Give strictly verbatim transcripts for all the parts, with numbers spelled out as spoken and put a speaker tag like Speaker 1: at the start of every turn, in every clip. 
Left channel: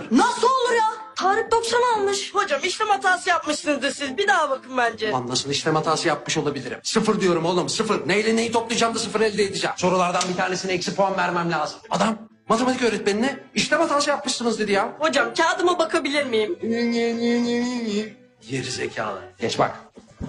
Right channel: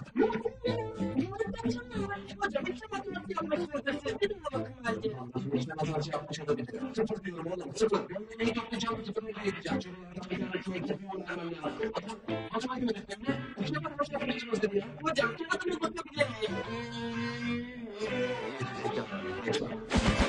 Speaker 1: Nasıl olur ya? Tarık doksan almış.
Speaker 2: Hocam işlem hatası yapmışsınızdır siz. Bir daha bakın bence.
Speaker 3: Ulan nasıl işlem hatası yapmış olabilirim? Sıfır diyorum oğlum, sıfır. Neyle neyi toplayacağım da sıfır elde edeceğim. Sorulardan bir tanesine eksi puan vermem lazım. Adam matematik öğretmenine işlem hatası yapmışsınız dedi ya.
Speaker 2: Hocam kağıdıma bakabilir miyim?
Speaker 3: Geri zekalı. Geç bak.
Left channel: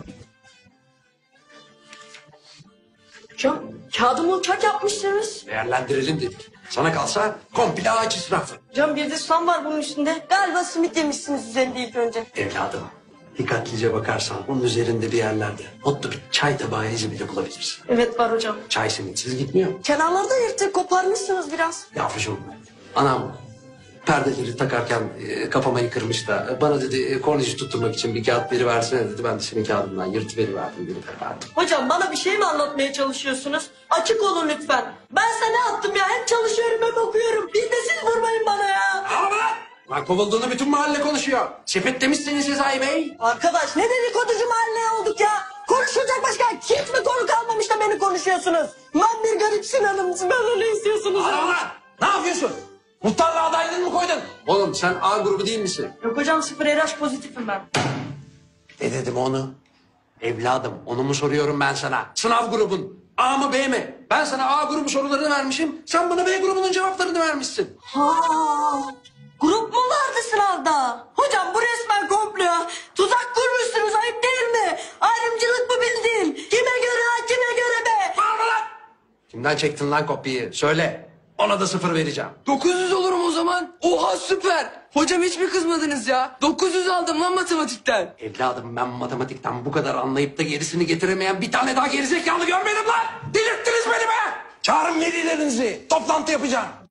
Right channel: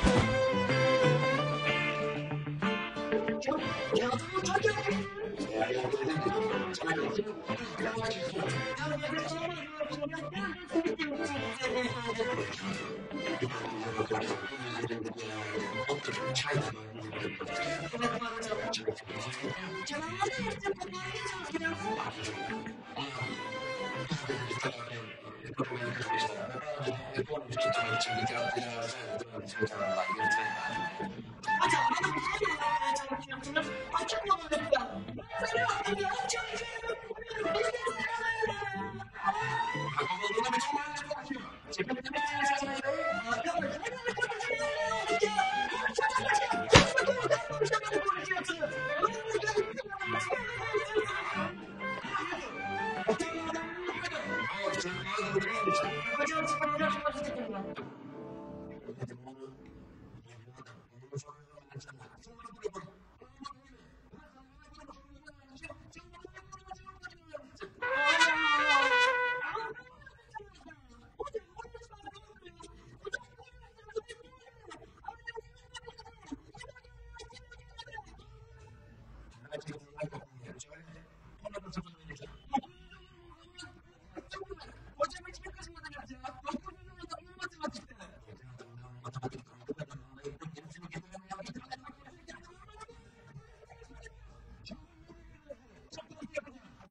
Speaker 1: Hocam kağıdımı uçak yapmışsınız.
Speaker 3: Değerlendirelim dedik. Sana kalsa komple ağaç israfı.
Speaker 2: Hocam bir de susam var bunun üstünde. Galiba simit yemişsiniz üzerinde ilk önce.
Speaker 3: Evladım, dikkatlice bakarsan bunun üzerinde bir yerlerde mutlu bir çay tabağı izi bile bulabilirsin.
Speaker 2: Evet var hocam.
Speaker 3: Çay simitsiz gitmiyor.
Speaker 2: Kenarlarda yırtık koparmışsınız biraz.
Speaker 3: Yavrucuğum, anam perdeleri takarken e, kafama kırmış da e, bana dedi e, kornici tutturmak için bir kağıt veri versene dedi. Ben de senin kağıdından yırtıveriverdim, veriverdim.
Speaker 2: Hocam bana bir şey mi anlatmaya çalışıyorsunuz? Açık olun lütfen. Ben size ne yaptım ya? Hem çalışıyorum hem okuyorum. Bir de siz vurmayın bana ya.
Speaker 3: Ağlama lan! Lan kovulduğunu bütün mahalle konuşuyor. Sepet demişsiniz Sezai Bey.
Speaker 2: Arkadaş ne dedikoducu mahalle olduk ya? Konuşulacak başka hiç mi konu kalmamış da beni konuşuyorsunuz? Ben bir garip Sinan'ım. Benden ne istiyorsunuz?
Speaker 3: Ağlama lan! Ne yapıyorsun? Muhtarlığa adaylığını mı koydun? Oğlum sen A grubu değil misin?
Speaker 2: Yok hocam sıfır R H pozitifim ben.
Speaker 3: Ne dedim onu? Evladım onu mu soruyorum ben sana? Sınav grubun A mı B mi? Ben sana A grubu sorularını vermişim. Sen bana B grubunun cevaplarını vermişsin.
Speaker 2: Ha, grup mu vardı sınavda? Hocam bu resmen komplo. Tuzak kurmuşsunuz ayıp değil mi? Ayrımcılık mı bildin? Kime göre ha kime göre be?
Speaker 3: Bağırma lan! Kimden çektin lan kopyayı? Söyle. Ona da sıfır vereceğim.
Speaker 4: dokuz yüz olurum o zaman. Oha süper. Hocam hiç mi kızmadınız ya? dokuz yüz aldım lan matematikten.
Speaker 3: Evladım ben matematikten bu kadar anlayıp da gerisini getiremeyen bir tane daha gerizekalı görmedim lan! Delirttiniz beni be! Çağırın velilerinizi. Toplantı yapacağım.